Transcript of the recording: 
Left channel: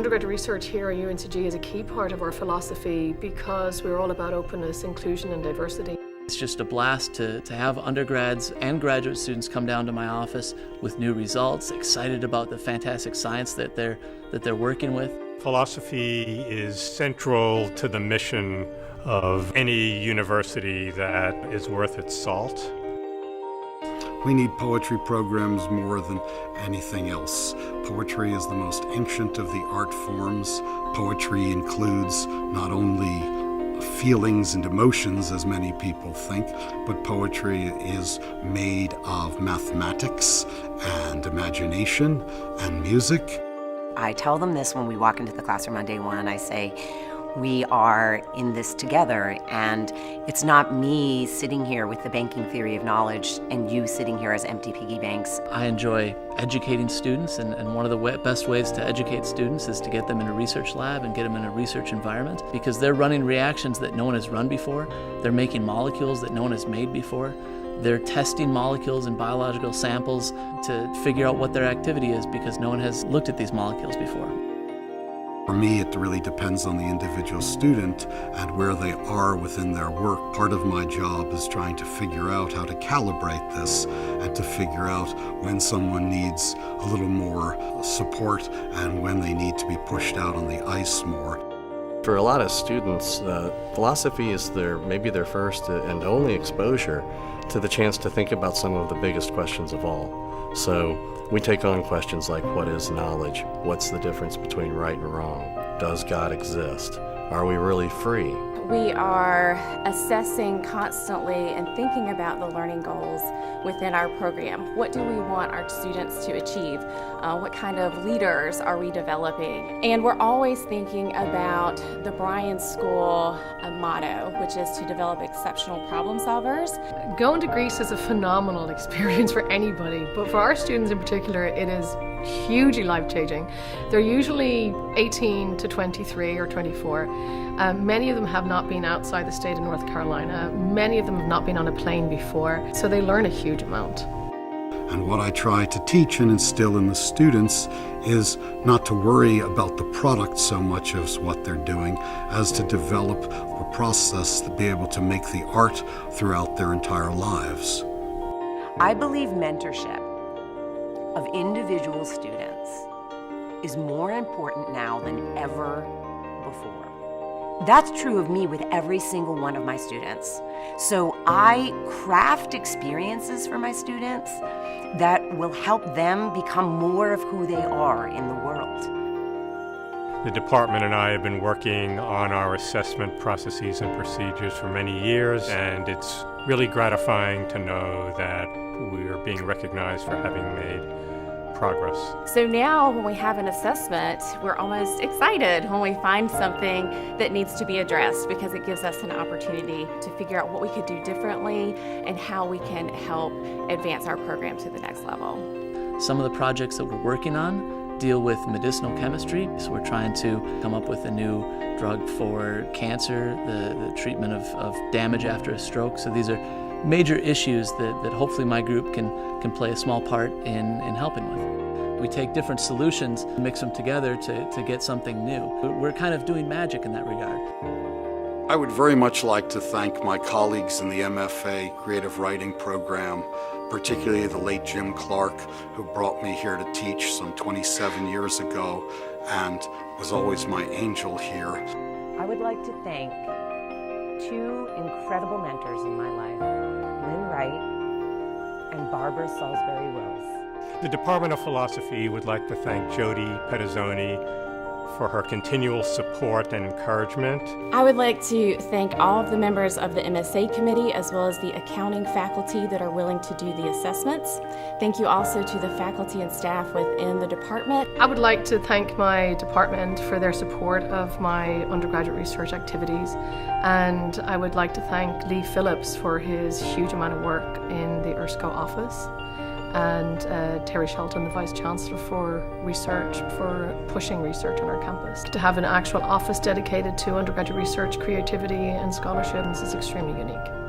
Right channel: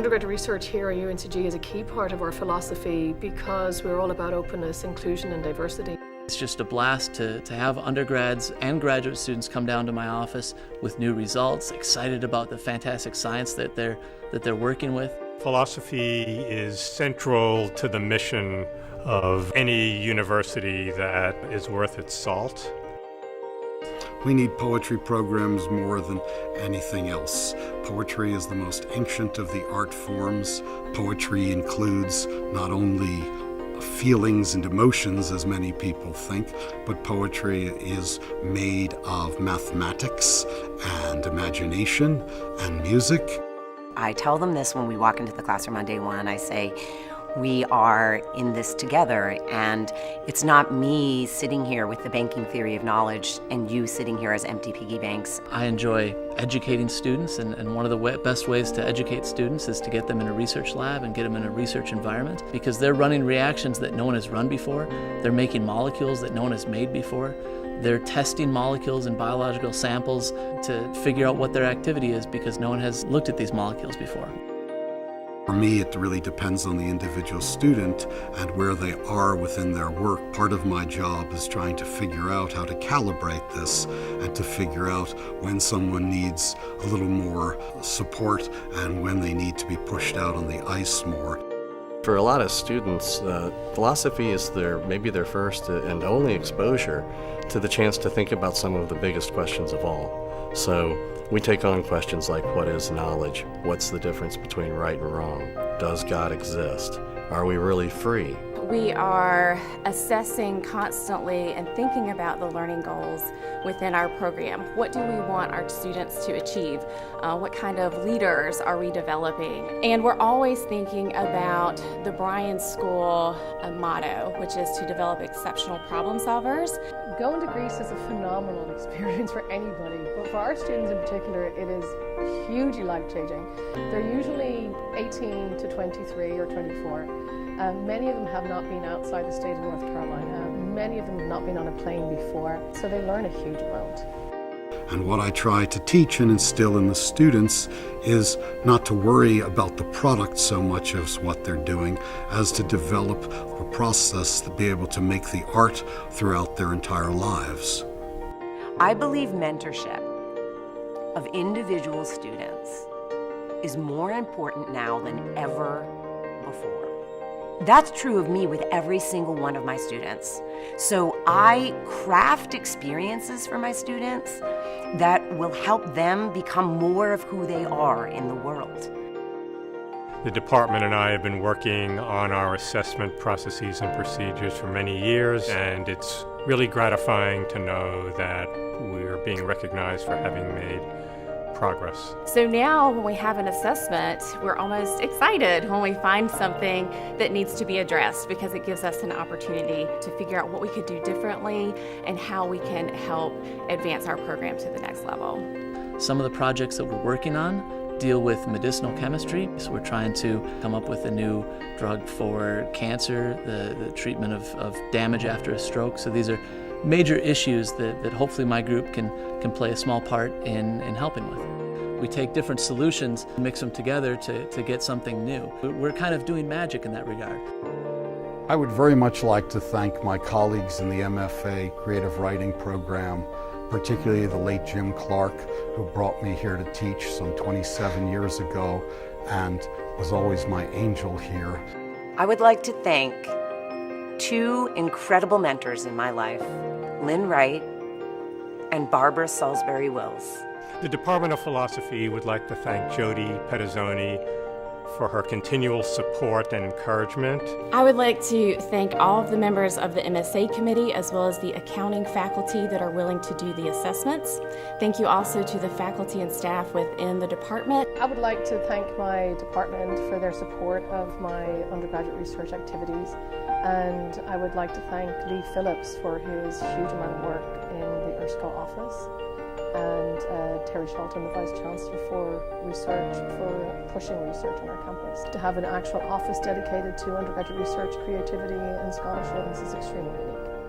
Undergraduate research here at UNCG is a key part of our philosophy because we're all about openness, inclusion and diversity. It's just a blast to have undergrads and graduate students come down to my office with new results, excited about the fantastic science that they're working with. Philosophy is central to the mission of any university that is worth its salt. We need poetry programs more than anything else. Poetry is the most ancient of the art forms. Poetry includes not only feelings and emotions, as many people think, but poetry is made of mathematics and imagination and music. I tell them this when we walk into the classroom on day one. I say, we are in this together, and it's not me sitting here with the banking theory of knowledge and you sitting here as empty piggy banks. I enjoy educating students, and one of the best ways to educate students is to get them in a research lab and get them in a research environment, because they're running reactions that no one has run before. They're making molecules that no one has made before. They're testing molecules in biological samples to figure out what their activity is, because no one has looked at these molecules before. For me, it really depends on the individual student and where they are within their work. Part of my job is trying to figure out how to calibrate this and to figure out when someone needs a little more support and when they need to be pushed out on the ice more. For a lot of students, philosophy is maybe their first and only exposure to the chance to think about some of the biggest questions of all. So we take on questions like, what is knowledge? What's the difference between right and wrong? Does God exist? Are we really free? We are assessing constantly and thinking about the learning goals within our program. What do we want our students to achieve? What kind of leaders are we developing? And we're always thinking about the Bryan School motto, which is to develop exceptional problem solvers. Going to Greece is a phenomenal experience for anybody, but for our students in particular, it is hugely life-changing. They're usually 18 to 23 or 24. Many of them have not been outside the state of North Carolina. Many of them have not been on a plane before, so they learn a huge amount. And what I try to teach and instill in the students is not to worry about the product so much as what they're doing, as to develop a process to be able to make the art throughout their entire lives. I believe mentorship of individual students is more important now than ever before. That's true of me with every single one of my students. So I craft experiences for my students that will help them become more of who they are in the world. The department and I have been working on our assessment processes and procedures for many years, and it's really gratifying to know that we're being recognized for having made progress. So now when we have an assessment, we're almost excited when we find something that needs to be addressed, because it gives us an opportunity to figure out what we could do differently and how we can help advance our program to the next level. Some of the projects that we're working on deal with medicinal chemistry. So we're trying to come up with a new drug for cancer, the treatment of damage after a stroke. So these are major issues that hopefully my group can play a small part in helping with. We take different solutions, mix them together to get something new. We're kind of doing magic in that regard. I would very much like to thank my colleagues in the MFA Creative Writing program, particularly the late Jim Clark, who brought me here to teach some 27 years ago and was always my angel here. I would like to thank two incredible mentors in my life, Lynn Wright and Barbara Salisbury-Wills. The Department of Philosophy would like to thank Jody Pedizzoni for her continual support and encouragement. I would like to thank all of the members of the MSA committee as well as the accounting faculty that are willing to do the assessments. Thank you also to the faculty and staff within the department. I would like to thank my department for their support of my undergraduate research activities, and I would like to thank Lee Phillips for his huge amount of work in the ERSCO office, and Terry Shelton, the Vice Chancellor, for pushing research on our campus. To have an actual office dedicated to undergraduate research, creativity and scholarship is extremely unique.